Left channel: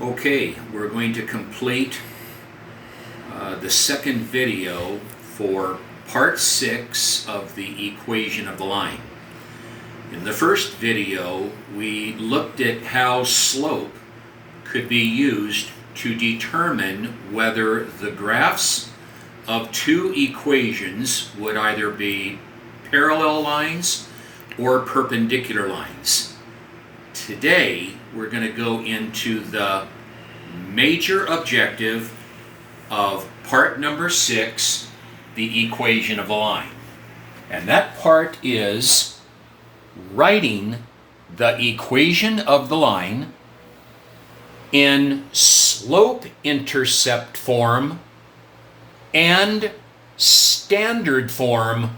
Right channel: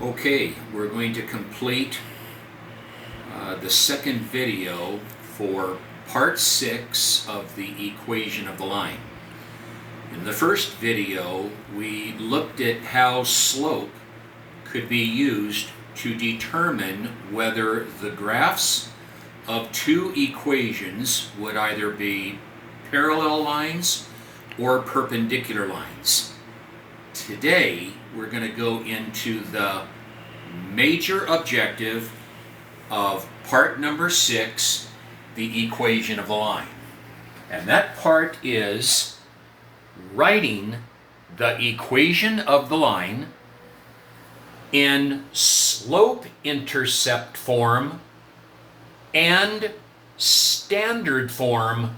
Okay, we're going to complete the second video for part 6 of the equation of the line. In the first video, we looked at how slope could be used to determine whether the graphs of two equations would either be parallel lines or perpendicular lines. Today, we're going to go into the major objective of part number 6, the equation of the line. And that part is writing the equation of the line in slope-intercept form and standard form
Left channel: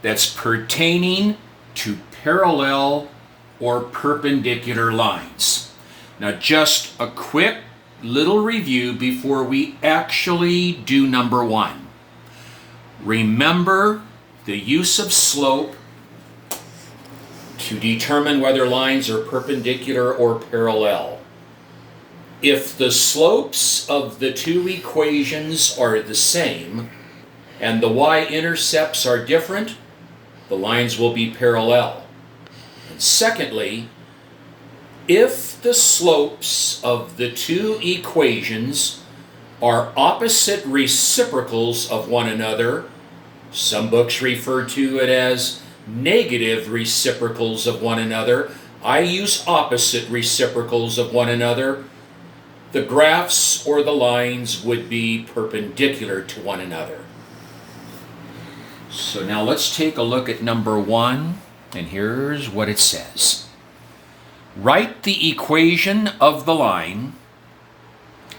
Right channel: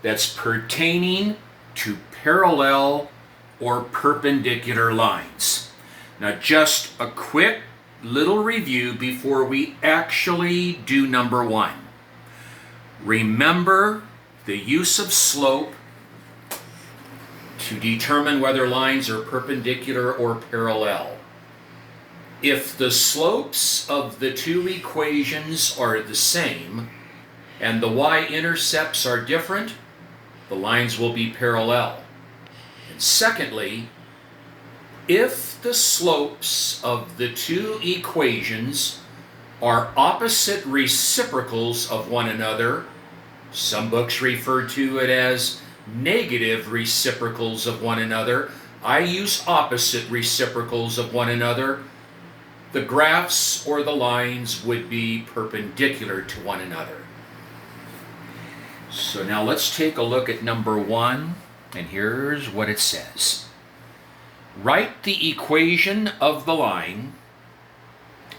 that's pertaining to parallel or perpendicular lines. Now, just a quick little review before we actually do number 1. Remember the use of slope to determine whether lines are perpendicular or parallel. If the slopes of the two equations are the same and the y-intercepts are different, the lines will be parallel. And secondly, if the slopes of the two equations are opposite reciprocals of one another, some books refer to it as negative reciprocals of one another. I use opposite reciprocals of one another. The graphs or the lines would be perpendicular to one another. So now let's take a look at number 1, and here's what it says. Write the equation of the line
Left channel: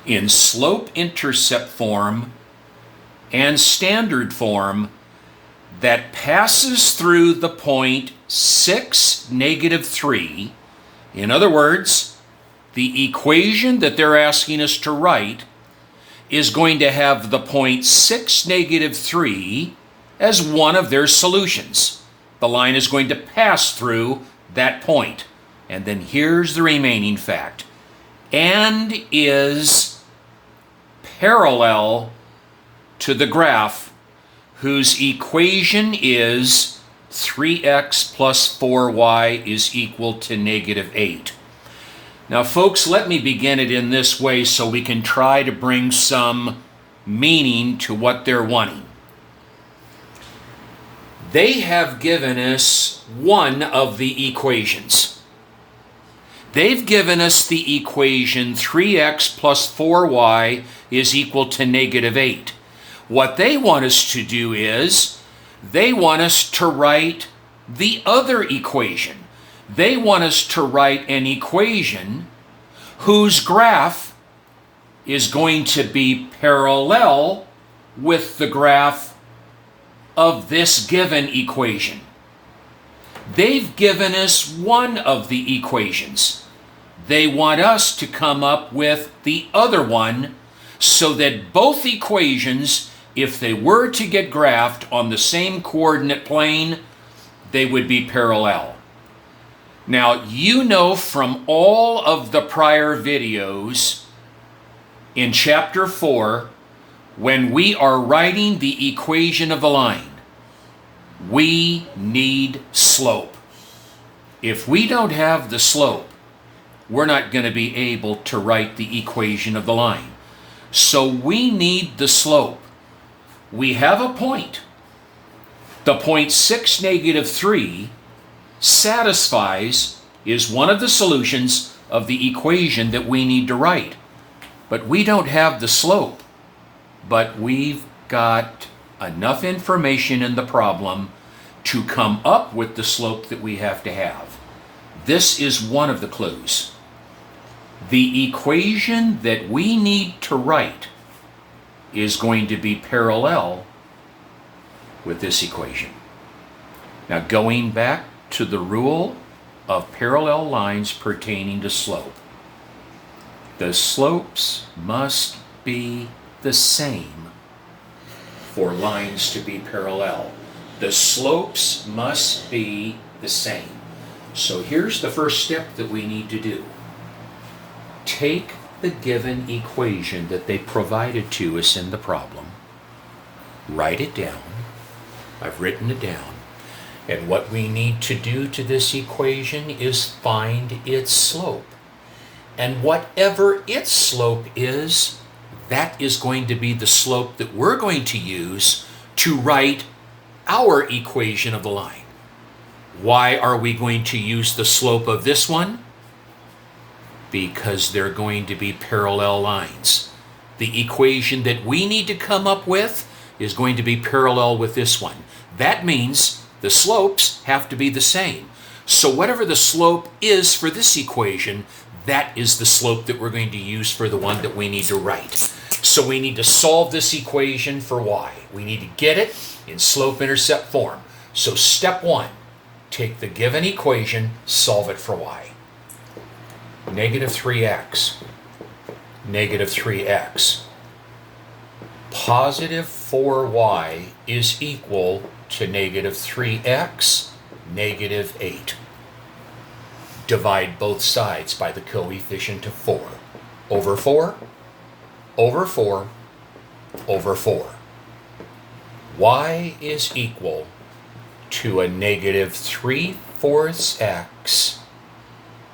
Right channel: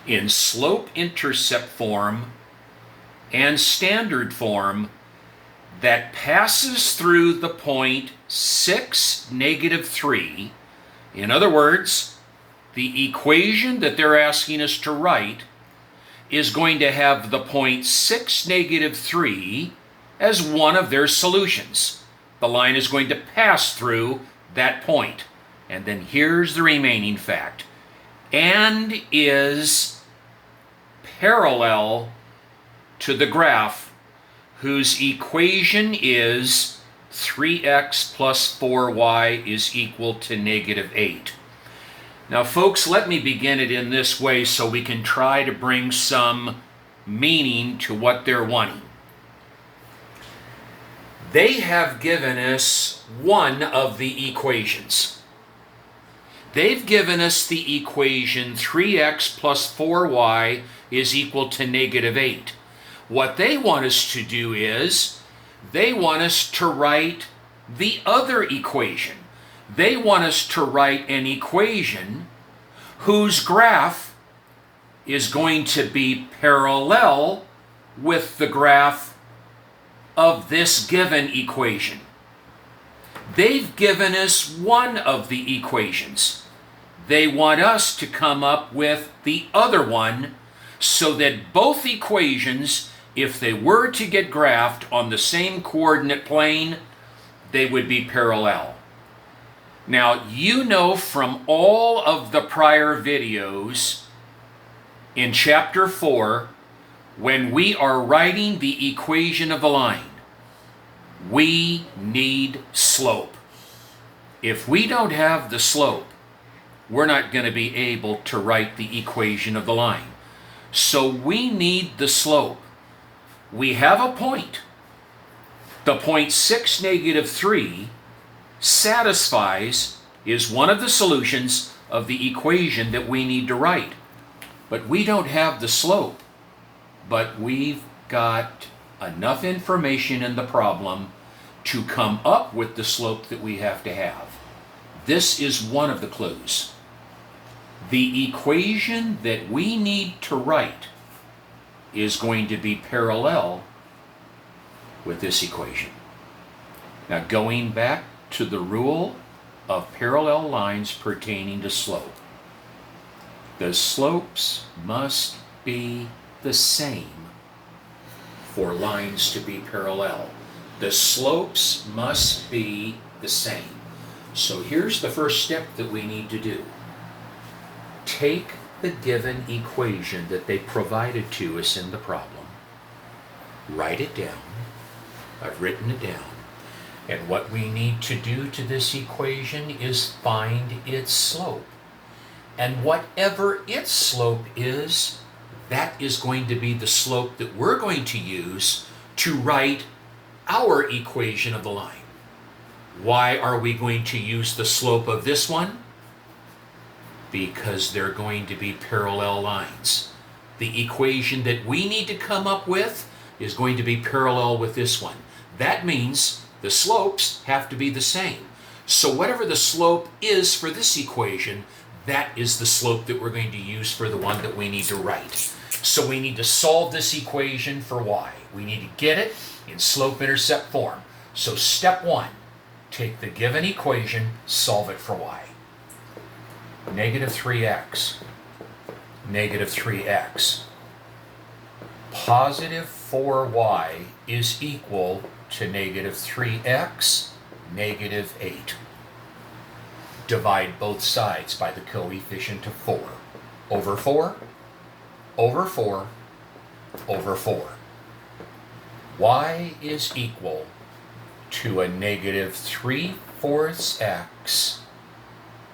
in slope-intercept form and standard form that passes through the point 6, -3. In other words, the equation that they're asking us to write is going to have the point 6, -3 as one of their solutions. The line is going to pass through that point. And then here's the remaining fact. And is parallel to the graph whose equation is 3x plus 4y is equal to -8. Now, folks, let me begin it in this way so we can try to bring some meaning to what they're wanting. They have given us one of the equations. They've given us the equation 3x plus 4y is equal to -8. What they want us to do is, they want us to write the other equation. They want us to write an equation whose graph is going to be parallel with the graph of this given equation. They've given us one of the equations. They want us to come up with the other one so that both equations, if they were to get graphed on the same coordinate plane, they would be parallel. Now, you know from all of the prior videos in chapter 4, when we are writing the equation of the line, we need slope. If we don't have the slope, we're not going to be able to write the equation of the line. So we need the slope. We have a point. The point 6, -3 satisfies, is one of the solutions of the equation that we need to write. But we don't have the slope. But we've got enough information in the problem to come up with the slope that we have to have. This is one of the clues. The equation that we need to write is going to be parallel with this equation. Now, going back to the rule of parallel lines pertaining to slope, the slopes must be the same for lines to be parallel. The slopes must be the same. So here's the first step that we need to do. take the given equation that they provided to us in the problem, write it down. I've written it down. And what we need to do to this equation is find its slope. And whatever its slope is, that is going to be the slope that we're going to use to write our equation of the line. Why are we going to use the slope of this one? Because they're going to be parallel lines. The equation that we need to come up with is going to be parallel with this one. That means the slopes have to be the same. So whatever the slope is for this equation, that is the slope that we're going to use for the one that we need to write. So we need to solve this equation for y. We need to get it in slope-intercept form. So step 1, take the given equation, solve it for y. Negative 3x, negative 3x. Positive 4y is equal to negative 3x, negative 8. Divide both sides by the coefficient of 4. Over 4, over 4, over 4. Y is equal to a negative 3/4 x,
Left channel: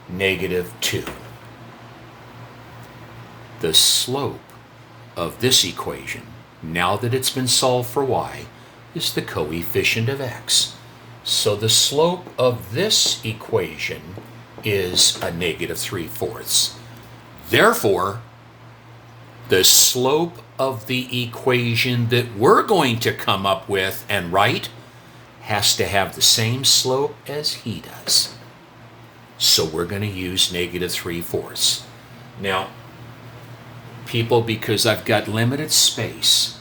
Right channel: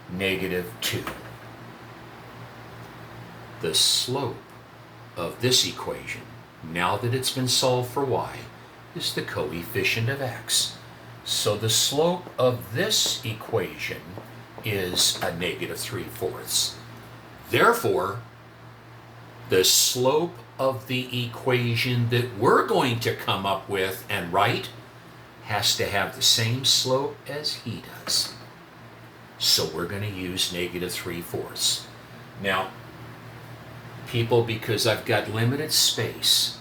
negative 2. The slope of this equation, now that it's been solved for y, is the coefficient of x. So the slope of this equation is a negative 3/4. Therefore, the slope of the equation that we're going to come up with and write has to have the same slope as he does. So we're going to use negative 3/4. Now, people, because I've got limited space,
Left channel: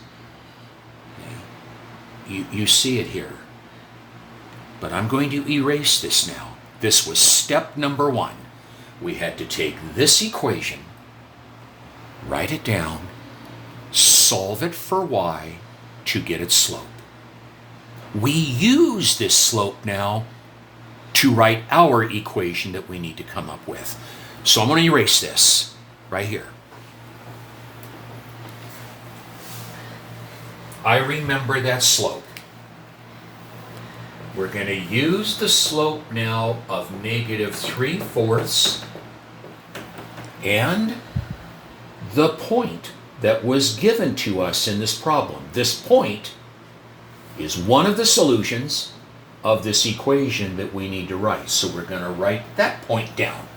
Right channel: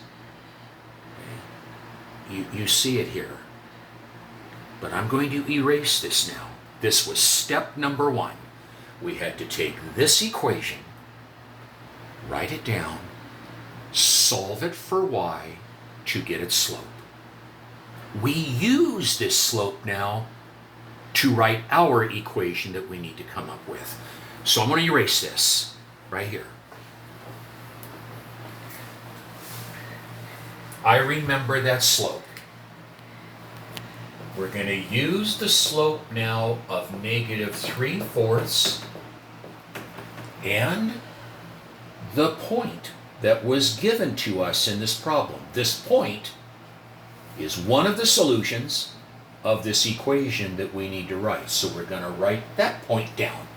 you see it here. But I'm going to erase this now. This was step number 1. We had to take this equation, write it down, solve it for y to get its slope. We use this slope now to write our equation that we need to come up with. So I'm going to erase this right here. I remember that slope. We're going to use the slope now of negative 3/4 and the point that was given to us in this problem. This point is one of the solutions of this equation that we need to write. So we're going to write that point down.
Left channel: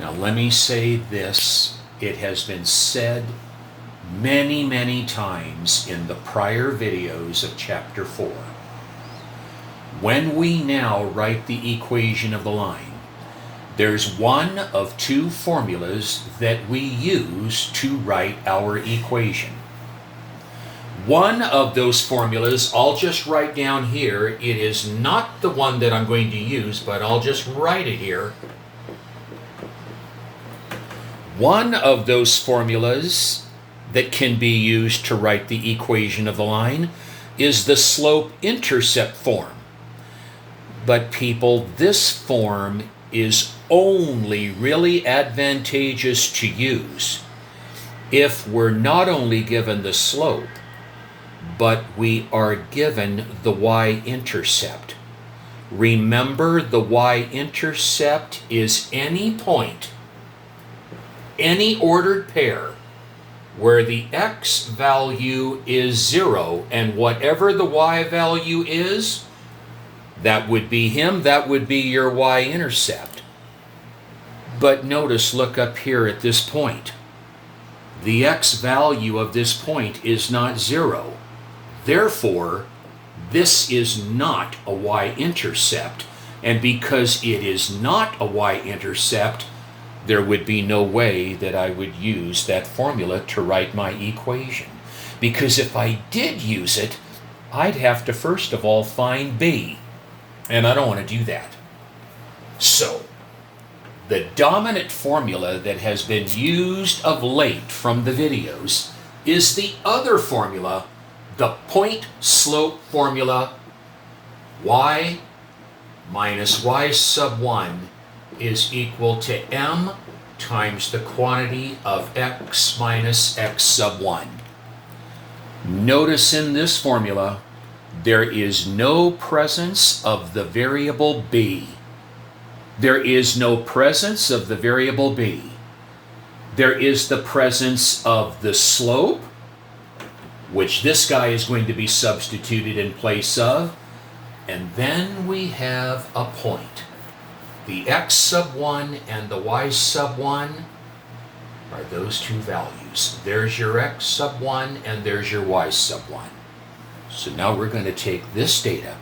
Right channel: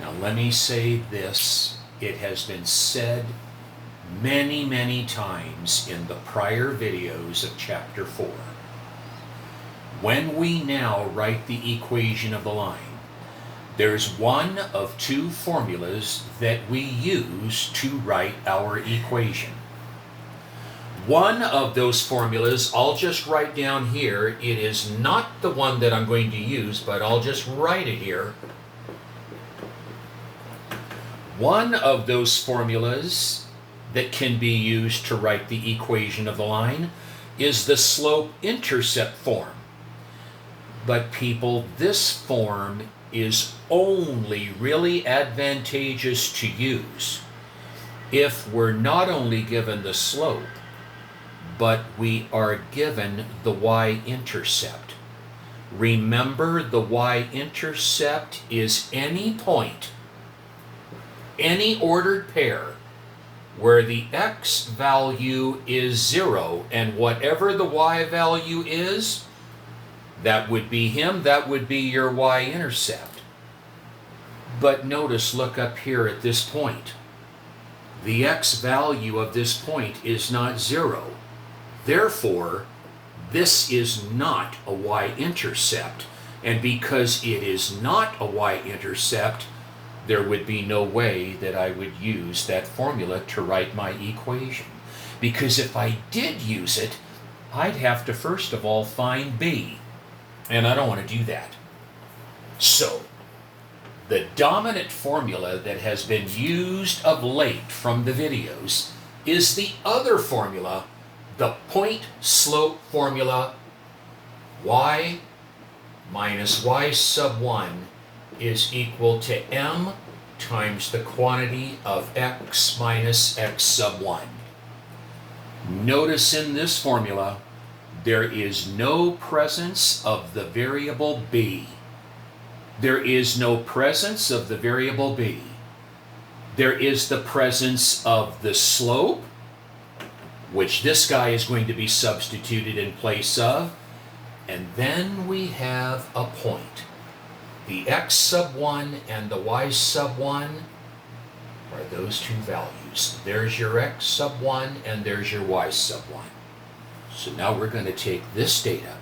Now let me say this. It has been said many, many times in the prior videos of Chapter 4. When we now write the equation of the line, there's one of two formulas that we use to write our equation. One of those formulas I'll just write down here. It is not the one that I'm going to use, but I'll just write it here. One of those formulas that can be used to write the equation of the line is the slope-intercept form. But people, this form is only really advantageous to use if we're not only given the slope, but we are given the y-intercept. Remember, the y-intercept is any point, any ordered pair, where the x value is 0 and whatever the y value is, that would be him, that would be your y-intercept. But notice, look up here at this point. The x value of this point is not 0. Therefore, this is not a y-intercept. And because it is not a y-intercept, there would be no way that I would use that formula to write my equation. Because if I did use it, I'd have to first of all find b. And I don't want to do that. So, the dominant formula that has been used of late from the videos is the other formula, the Pointslope Formula, y minus y sub 1 is equal to m times the quantity of x minus x sub 1. Notice in this formula, there is no presence of the variable b. There is no presence of the variable b. There is the presence of the slope, which this guy is going to be substituted in place of, and then we have a point. The x sub 1 and the y sub 1 are those two values. There's your x sub 1 and there's your y sub 1. So now we're going to take this data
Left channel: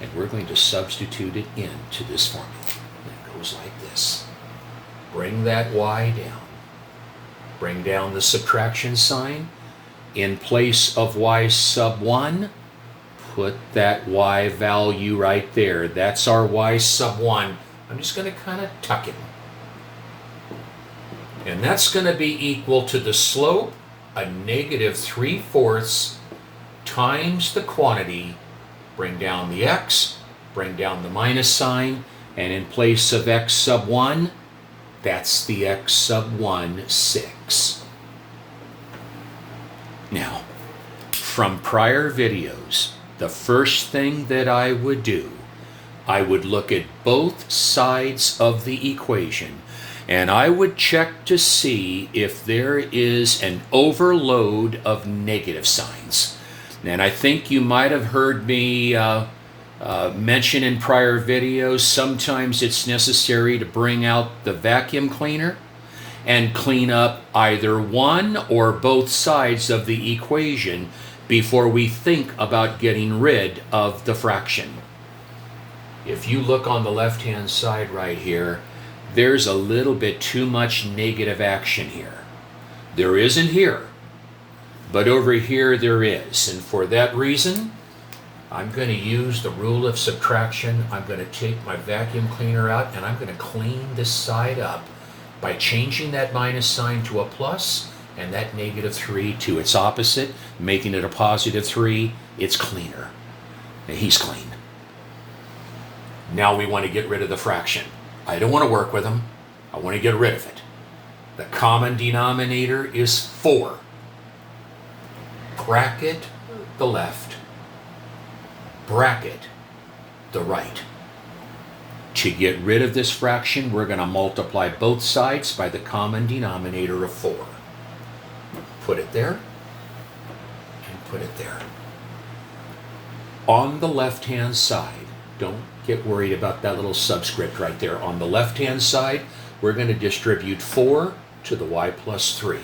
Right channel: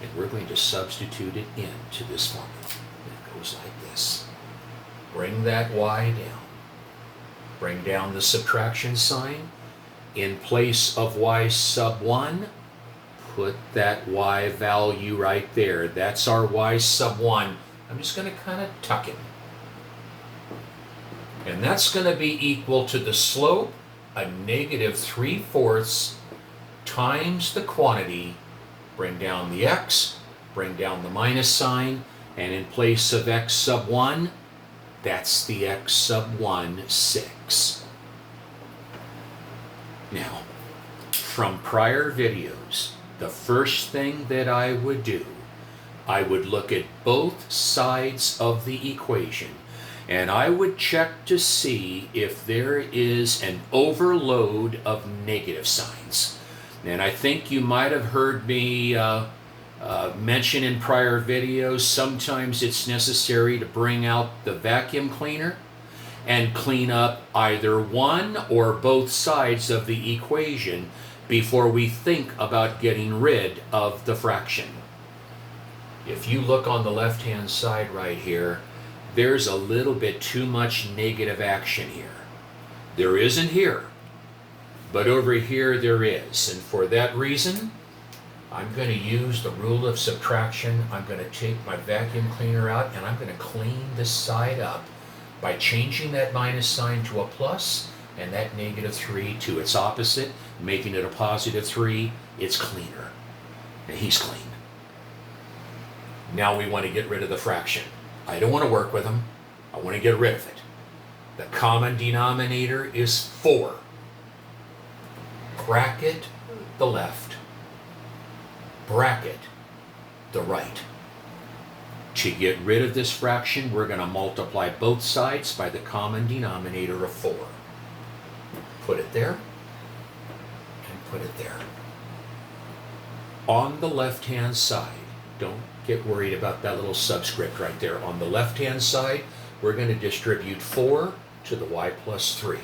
and we're going to substitute it into this formula. It goes like this. Bring that y down. Bring down the subtraction sign. In place of y sub 1, put that y value right there. That's our y sub 1. I'm just going to kind of tuck it. And that's going to be equal to the slope, a negative 3/4 times the quantity. Bring down the x, bring down the minus sign, and in place of x sub 1, that's the x sub 1 6. Now, from prior videos, the first thing that I would do, I would look at both sides of the equation and I would check to see if there is an overload of negative signs. And I think you might have heard me mention in prior videos, sometimes it's necessary to bring out the vacuum cleaner and clean up either one or both sides of the equation before we think about getting rid of the fraction. If you look on the left-hand side right here, there's a little bit too much negative action here. There isn't here, but over here there is. And for that reason, I'm going to use the rule of subtraction. I'm going to take my vacuum cleaner out and I'm going to clean this side up by changing that minus sign to a plus and that negative 3 to its opposite, making it a positive 3. It's cleaner. Now he's clean. Now we want to get rid of the fraction. I don't want to work with them. I want to get rid of it. The common denominator is 4. Bracket the left, bracket the right. To get rid of this fraction, we're going to multiply both sides by the common denominator of 4. Put it there, and put it there. On the left-hand side, don't get worried about that little subscript right there. On the left-hand side, we're going to distribute 4 to the y plus 3.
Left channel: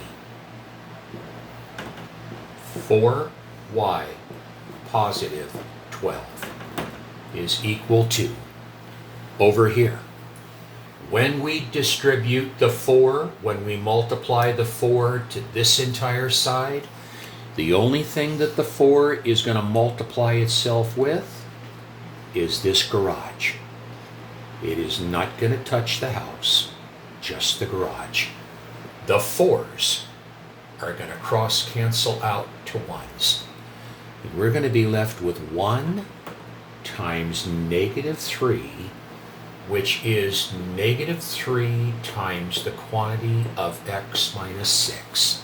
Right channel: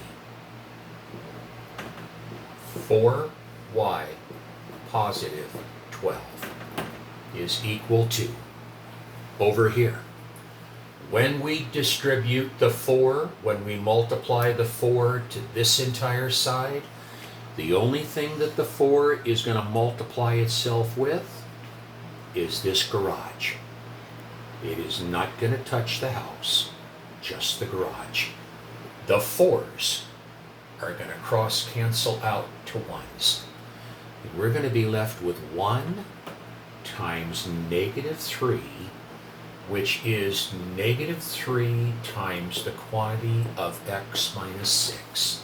4y positive 12 is equal to, over here, when we distribute the 4, when we multiply the 4 to this entire side, the only thing that the 4 is going to multiply itself with is this garage. It is not going to touch the house, just the garage. The 4's are going to cross cancel out to 1's. And we're going to be left with 1 times negative 3, which is negative 3 times the quantity of x minus 6.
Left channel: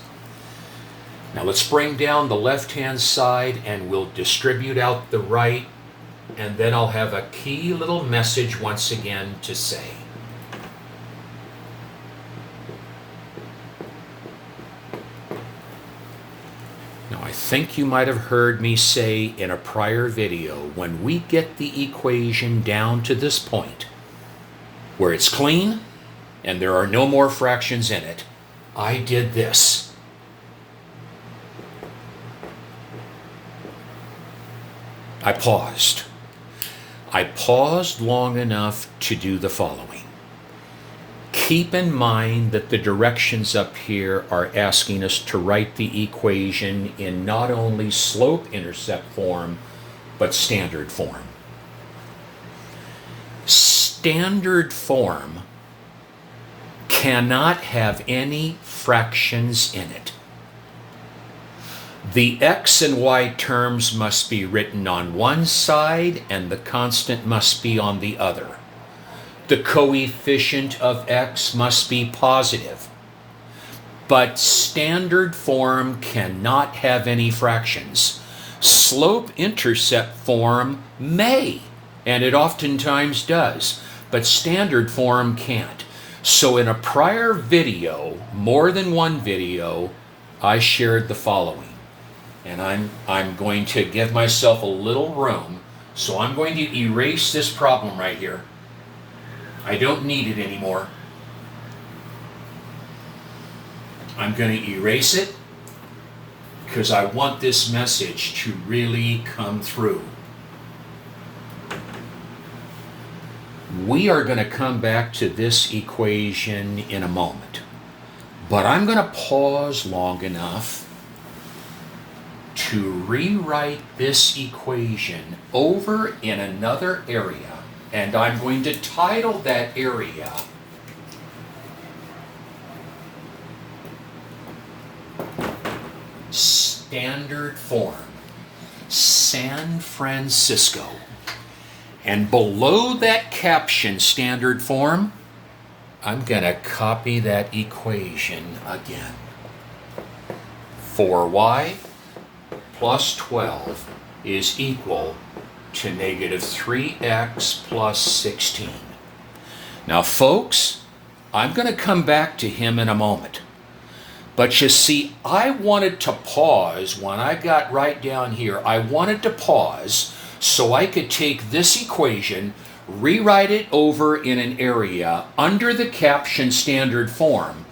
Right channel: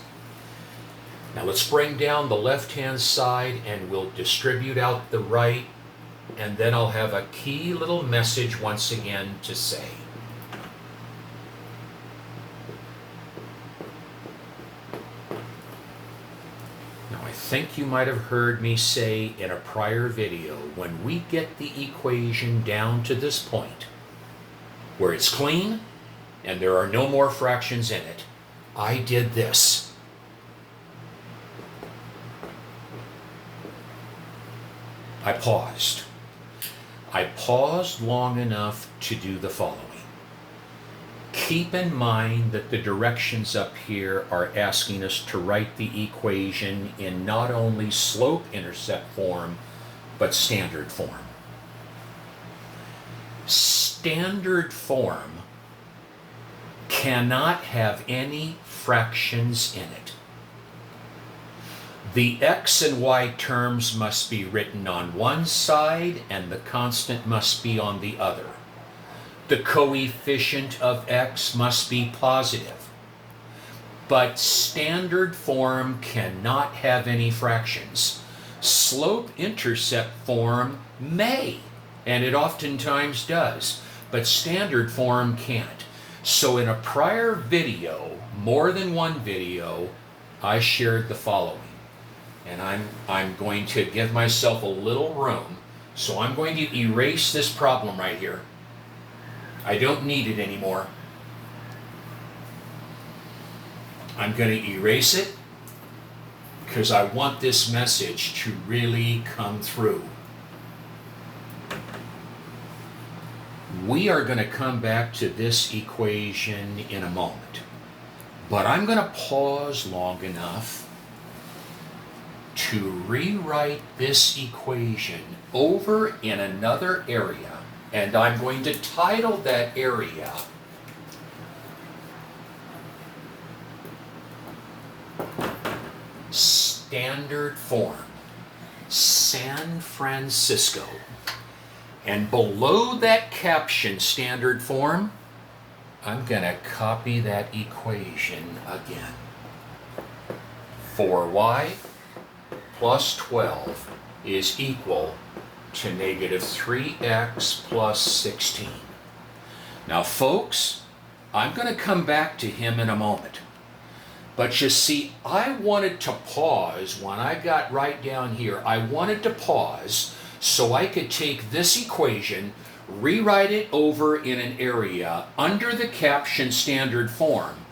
Now let's bring down the left-hand side and we'll distribute out the right, and then I'll have a key little message once again to say. Now I think you might have heard me say in a prior video, when we get the equation down to this point, where it's clean and there are no more fractions in it, I did this. I paused. I paused long enough to do the following. Keep in mind that the directions up here are asking us to write the equation in not only slope-intercept form, but standard form. Standard form cannot have any fractions in it. The x and y terms must be written on one side and the constant must be on the other. The coefficient of x must be positive. But standard form cannot have any fractions. Slope-intercept form may, and it oftentimes does, but standard form can't. So in a prior video, more than one video, I shared the following. And I'm going to give myself a little room, so I'm going to erase this problem right here. I don't need it anymore. I'm going to erase it because I want this message to really come through. We are going to come back to this equation in a moment, but I'm going to pause long enough to rewrite this equation over in another area, and I'm going to title that area Standard Form, San Francisco. And below that caption, Standard Form, I'm going to copy that equation again. 4y plus 12 is equal to negative 3x plus 16. Now, folks, I'm going to come back to him in a moment. But you see, I wanted to pause when I got right down here. I wanted to pause so I could take this equation, rewrite it over in an area under the caption Standard Form,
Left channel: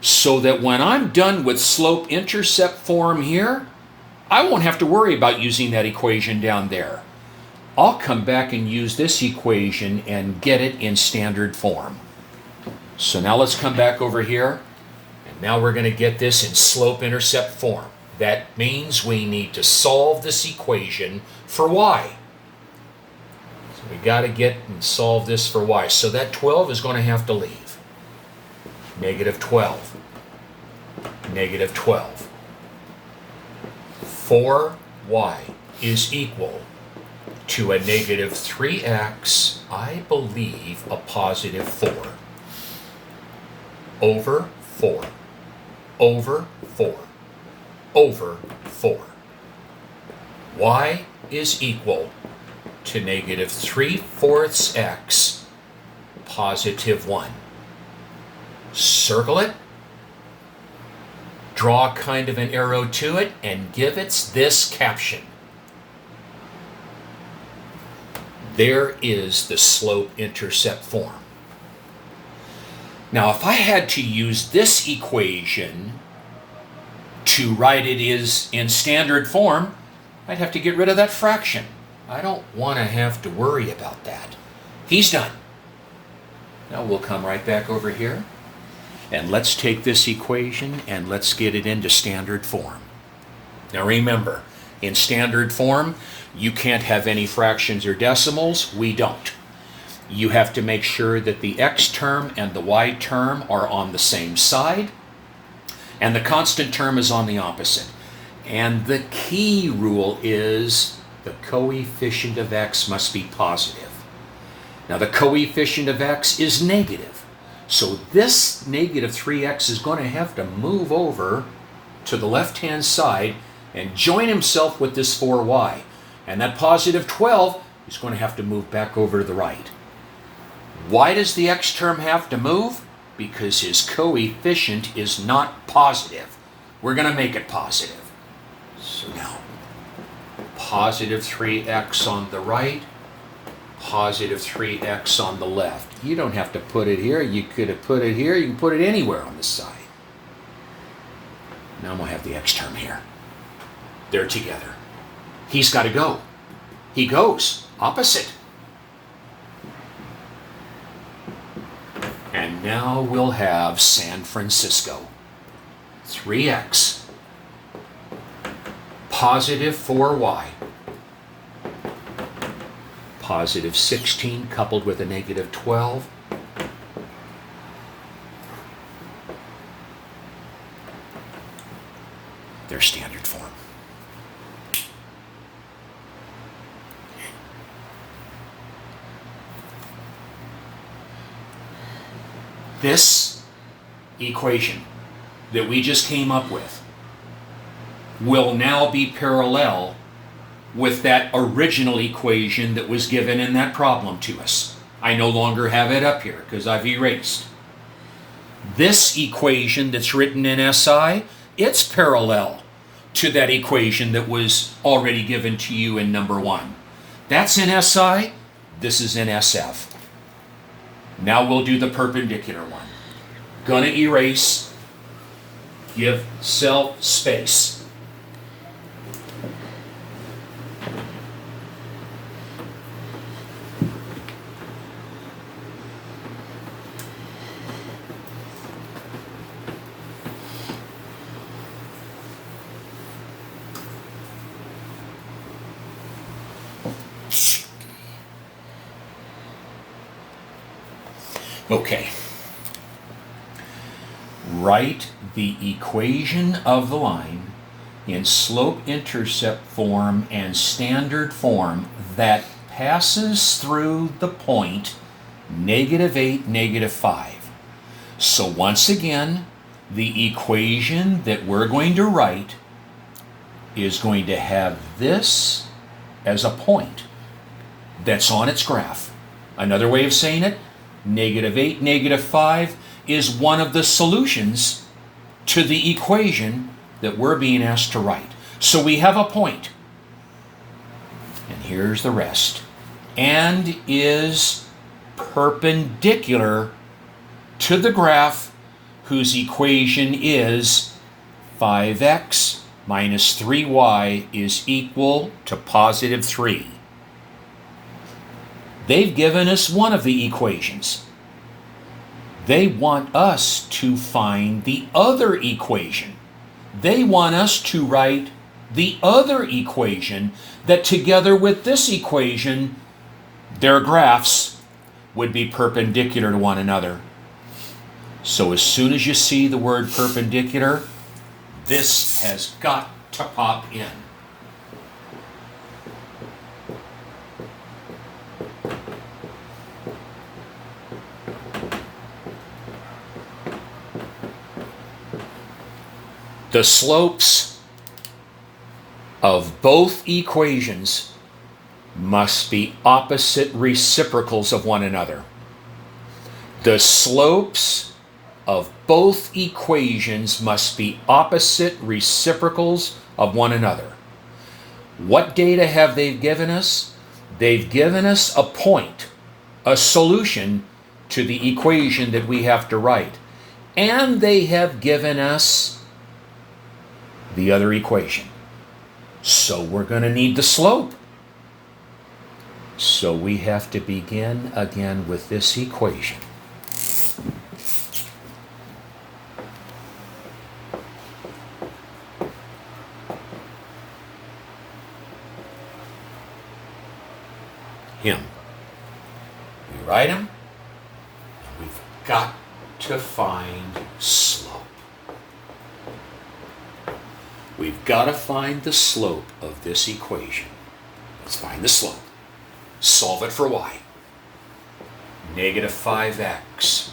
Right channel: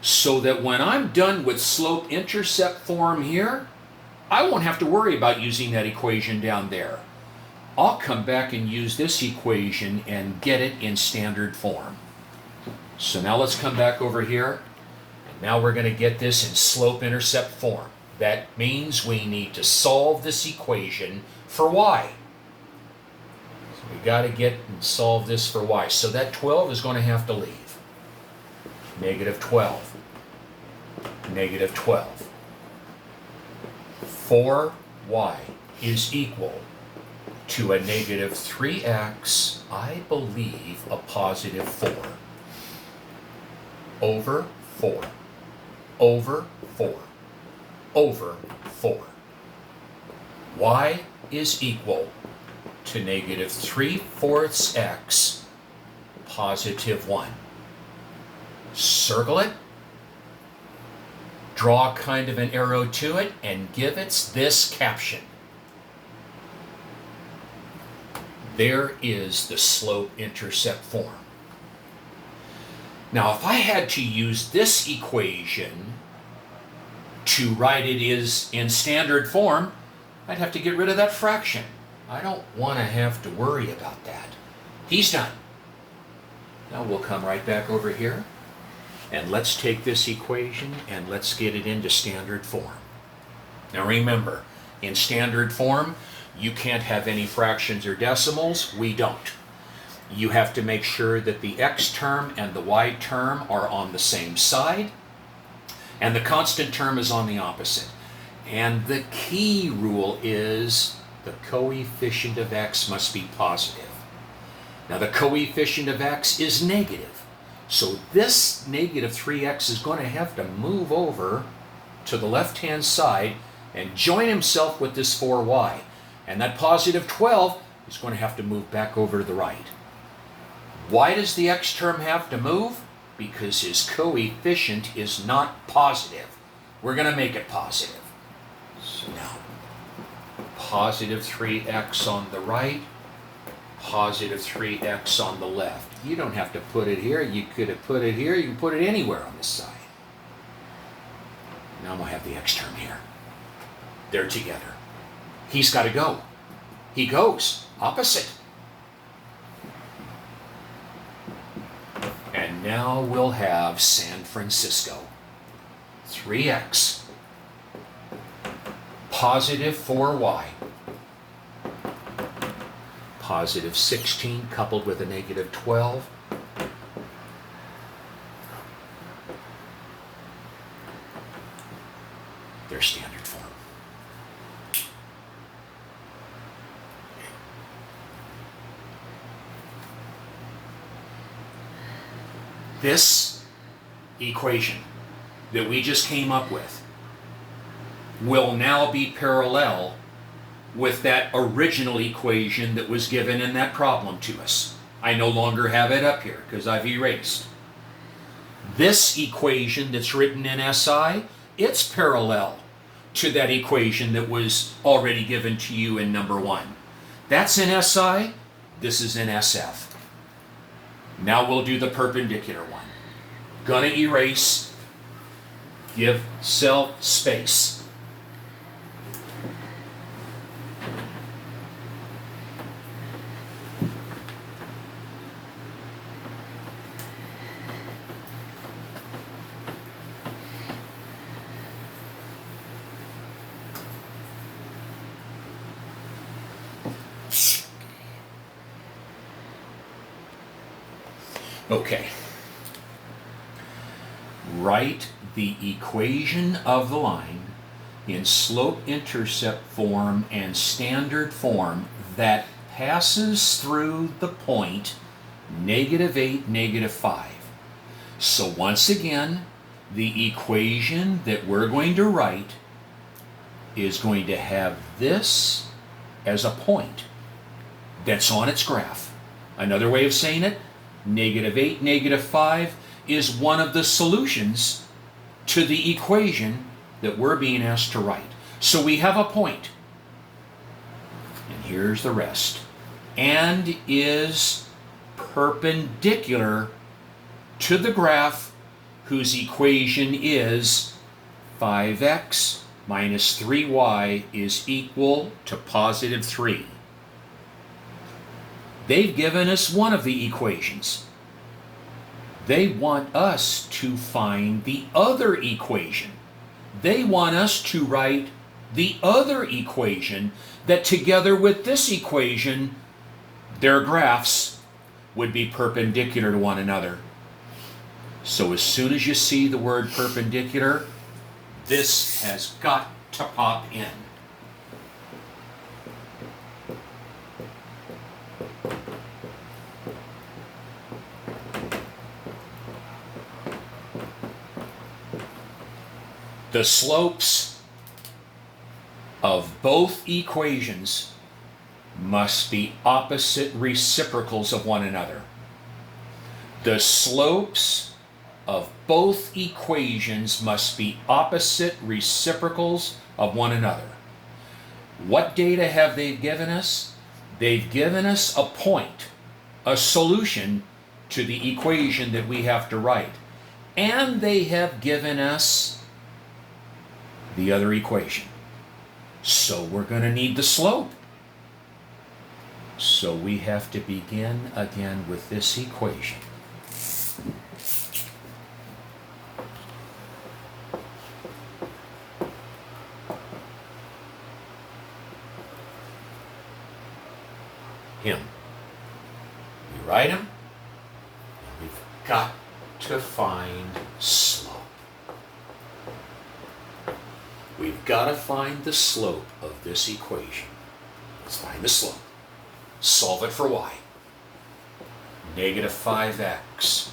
so that when I'm done with slope-intercept form here, I won't have to worry about using that equation down there. I'll come back and use this equation and get it in standard form. So now let's come back over here, and now we're going to get this in slope-intercept form. That means we need to solve this equation for y. So we got to get and solve this for y. So that 12 is going to have to leave. Negative 12. Negative 12. 4y is equal to a negative 3x, I believe a positive 4, over 4, over 4, over 4. Y is equal to negative 3/4 x, positive 1. Circle it, draw kind of an arrow to it, and give it this caption. There is the slope-intercept form. Now, if I had to use this equation to write it is in standard form, I'd have to get rid of that fraction. I don't want to have to worry about that. He's done. Now we'll come right back over here, and let's take this equation and let's get it into standard form. Now remember, in standard form, you can't have any fractions or decimals. We don't. You have to make sure that the x term and the y term are on the same side, and the constant term is on the opposite. And the key rule is the coefficient of x must be positive. Now the coefficient of x is negative. So this negative 3x is going to have to move over to the left-hand side and join himself with this 4y. And that positive 12 is going to have to move back over to the right. Why does the x term have to move? Because his coefficient is not positive. We're going to make it positive. So now, positive 3x on the right, positive 3x on the left. You don't have to put it here. You could have put it here. You can put it anywhere on the side. Now I'm going to have the x term here. They're together. He's got to go. He goes. Opposite. And now we'll have San Francisco. 3x. Positive 4y. Positive 16 coupled with a negative 12. Their standard form. this equation that we just came up with will now be parallel with that original equation that was given in that problem to us. I no longer have it up here because I've erased. This equation that's written in SI, it's parallel to that equation that was already given to you in number 1. That's in SI, this is in SF. Now we'll do the perpendicular one. Gonna erase, give self space. Okay. Write the equation of the line in slope-intercept form and standard form that passes through the point -8, -5. So once again, the equation that we're going to write is going to have this as a point that's on its graph. Another way of saying it, -8, -5 is one of the solutions to the equation that we're being asked to write. So we have a point. And here's the rest. And is perpendicular to the graph whose equation is 5x minus 3y is equal to +3. They've given us one of the equations. They want us to find the other equation. They want us to write the other equation that together with this equation, their graphs would be perpendicular to one another. So as soon as you see the word perpendicular, this has got to pop in. The slopes of both equations must be opposite reciprocals of one another. The slopes of both equations must be opposite reciprocals of one another. What data have they given us? They've given us a point, a solution to the equation that we have to write. And they have given us the other equation. So we're going to need the slope. So we have to begin again with this equation. Him. We write him, and we've got to find slope. We've got to find the slope of this equation. Let's find the slope. Solve it for y. -5x,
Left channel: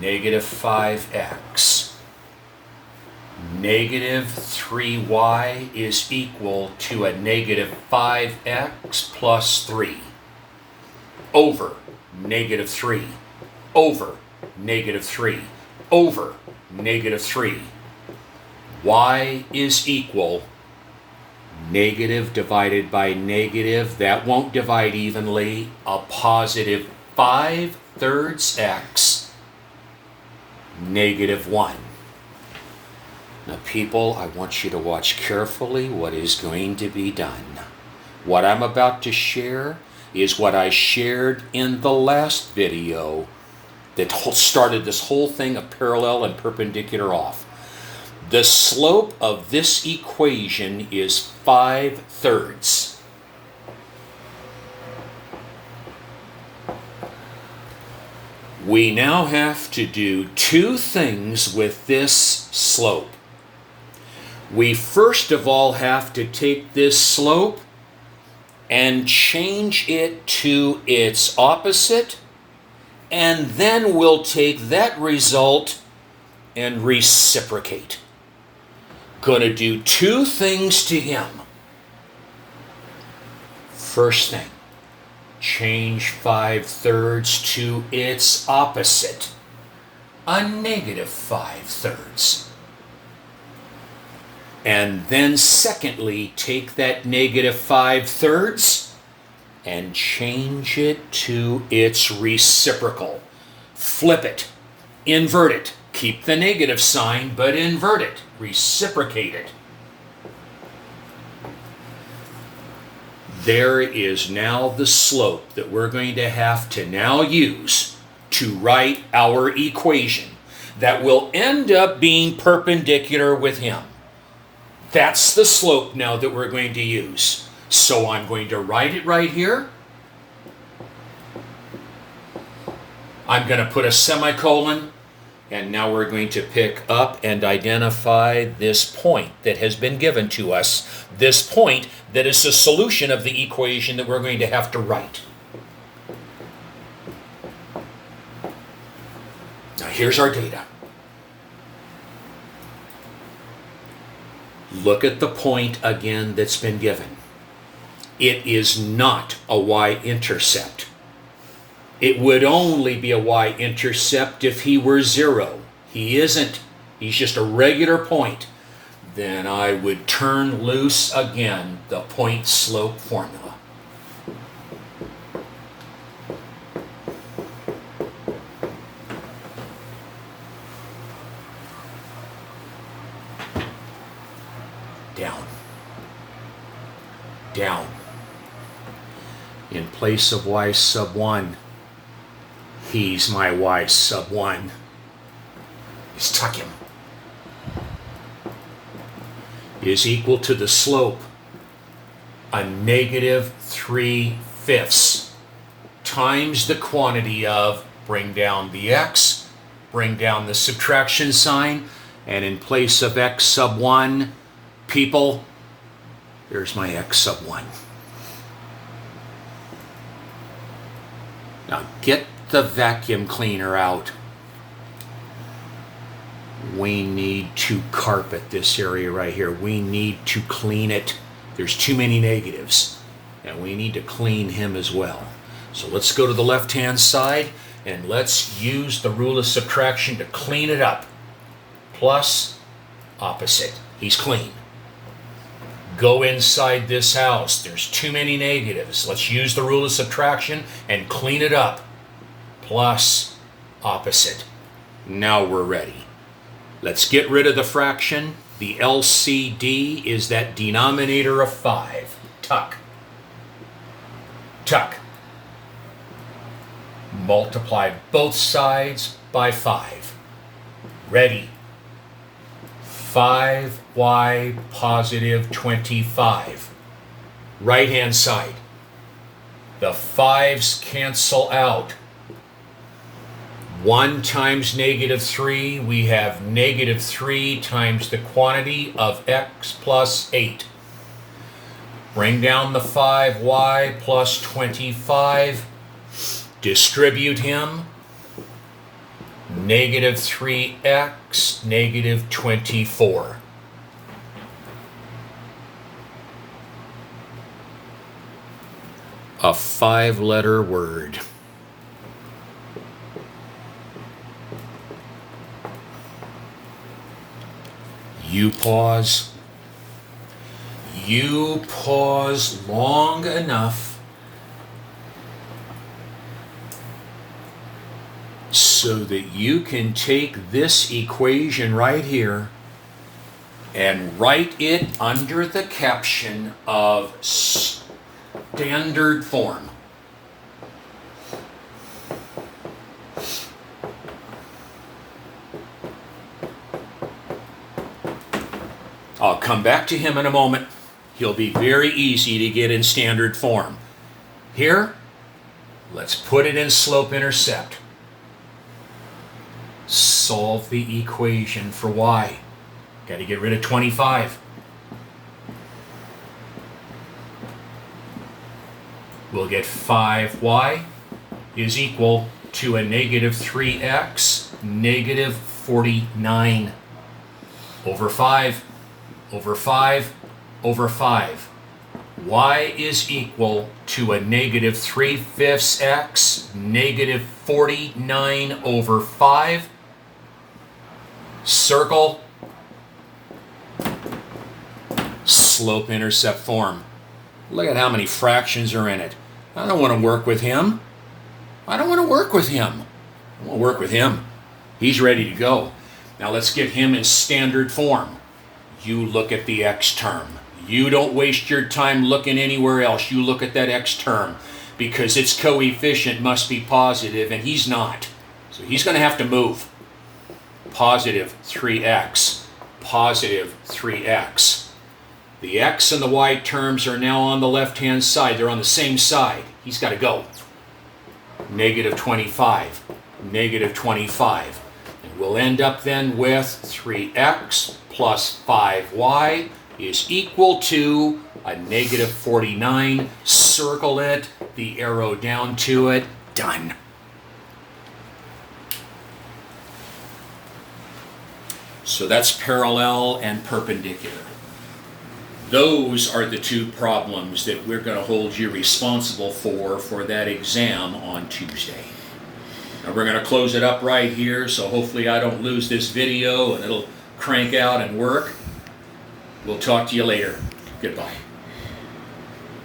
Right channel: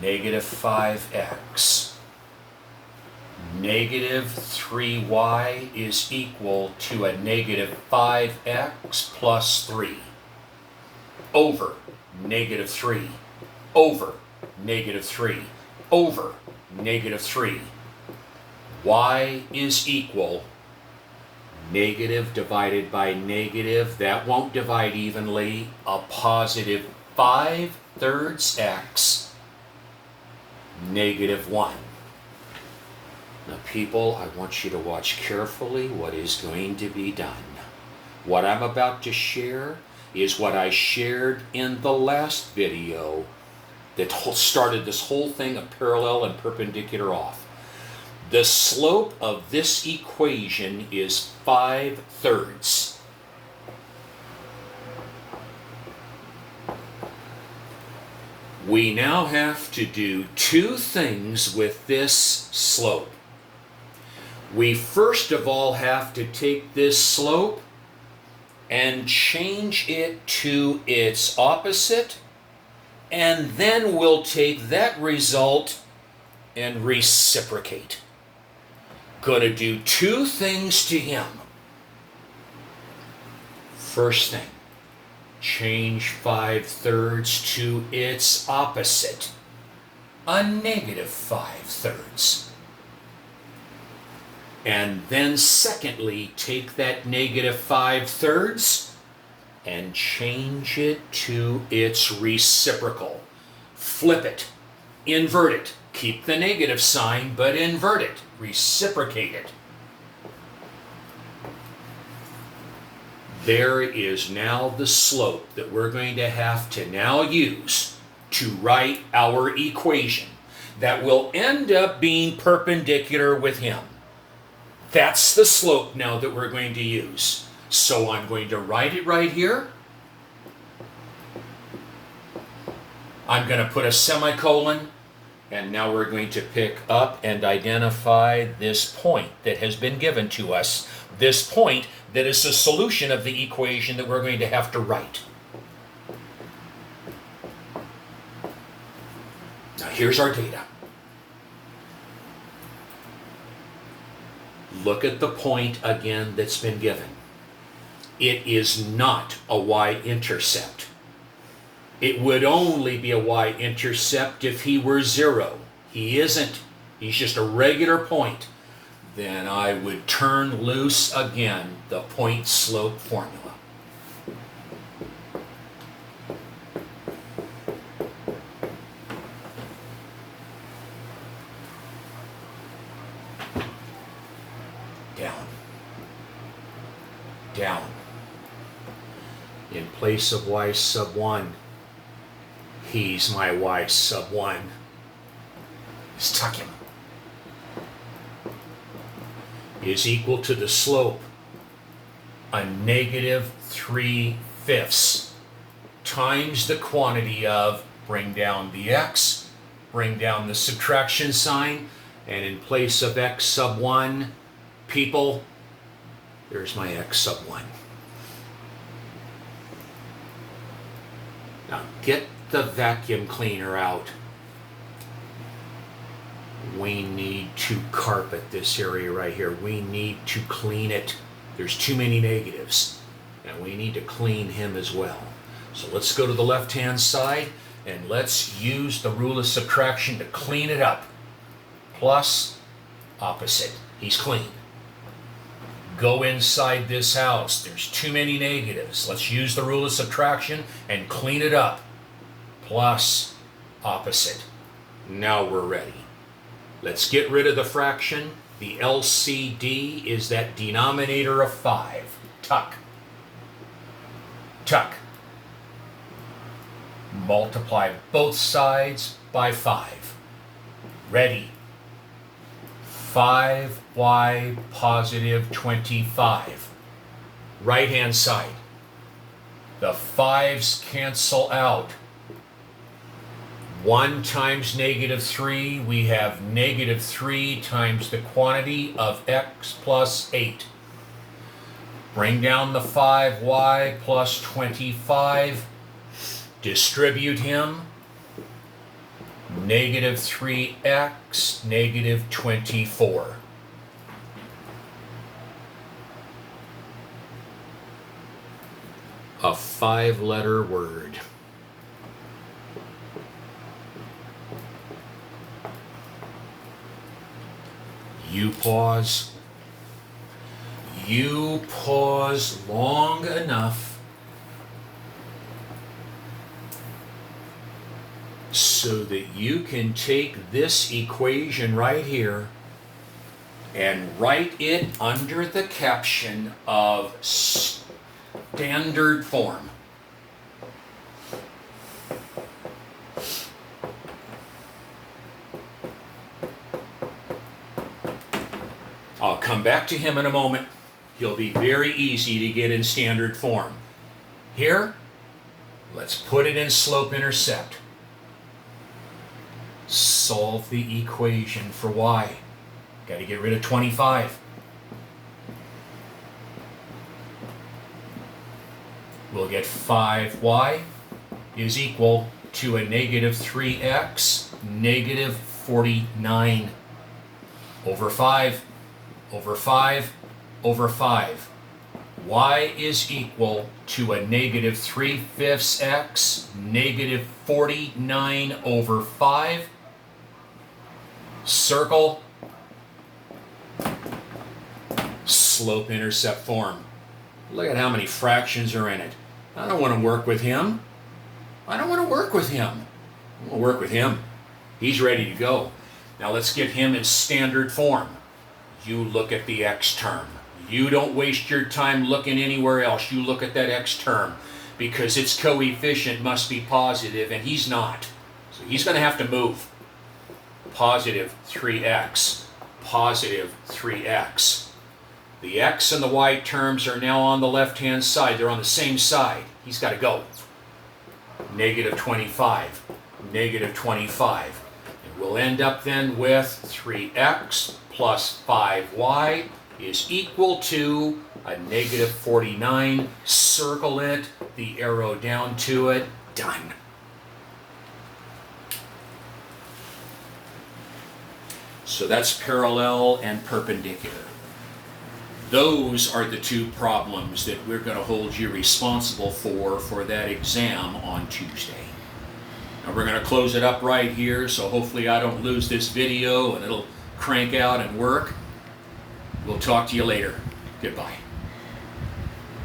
-5x, -3y is equal to a -5x plus 3 over -3 over -3 over -3. Y is equal negative divided by negative, that won't divide evenly, a +5/3 x -1. Now people, I want you to watch carefully what is going to be done. What I'm about to share is what I shared in the last video that started this whole thing of parallel and perpendicular off. The slope of this equation is 5/3. We now have to do two things with this slope. We first of all have to take this slope and change it to its opposite and then we'll take that result and reciprocate. Gonna do two things to him. First thing, change 5/3 to its opposite, a negative 5/3. And then secondly, take that negative 5/3 and change it to its reciprocal. Flip it, invert it, keep the negative sign, but invert it, reciprocate it. There is now the slope that we're going to have to now use to write our equation that will end up being perpendicular with him. That's the slope now that we're going to use. So I'm going to write it right here. I'm going to put a semicolon, and now we're going to pick up and identify this point that has been given to us, this point that is the solution of the equation that we're going to have to write. Now here's our data. Look at the point again that's been given. It is not a y-intercept. It would only be a y-intercept if he were 0. He isn't. He's just a regular point. Then I would turn loose again the point-slope formula. Down. Down. In place of y sub 1, he's my y sub 1. Just tuck him. Is equal to the slope, a negative 3/5 times the quantity of, bring down the x, bring down the subtraction sign, and in place of x sub 1, people, there's my x sub 1. Now get the vacuum cleaner out. We need to carpet this area right here. We need to clean it. There's too many negatives, and we need to clean him as well. So let's go to the left-hand side, and let's use the rule of subtraction to clean it up. Plus, opposite. He's clean. Go inside this house. There's too many negatives. Let's use the rule of subtraction and clean it up. Plus, opposite. Now we're ready. Let's get rid of the fraction. The LCD is that denominator of 5. Tuck. Tuck. Multiply both sides by 5. Ready. 5y positive 25. Right-hand side. The 5's cancel out. 1 times negative 3, we have negative 3 times the quantity of x plus 8. Bring down the 5y plus 25. Distribute him. Negative 3x, negative 24. A 5-letter word. You pause. You pause long enough so that you can take this equation right here and write it under the caption of standard form. I'll come back to him in a moment. He'll be very easy to get in standard form. Here, let's put it in slope-intercept. Solve the equation for y. Got to get rid of 25. We'll get 5y is equal to a negative 3x, negative 49 over 5, over 5, over 5. Y is equal to a negative 3/5 x, negative 49 over 5. Circle slope-intercept form. Look at how many fractions are in it. I don't want to work with him. I don't want to work with him. I want to work with him. He's ready to go. Now let's get him in standard form. You look at the x term. You don't waste your time looking anywhere else. You look at that x term because its coefficient must be positive, and he's not. So he's going to have to move. Positive 3x, positive 3x. The x and the y terms are now on the left-hand side. They're on the same side. He's got to go. Negative 25, negative 25. And we'll end up then with 3x plus 5y is equal to a negative 49. Circle it, the arrow down to it, done. So that's parallel and perpendicular. Those are the two problems that we're going to hold you responsible for that exam on Tuesday. Now we're going to close it up right here, so hopefully I don't lose this video and it'll crank out and work. We'll talk to you later. Goodbye.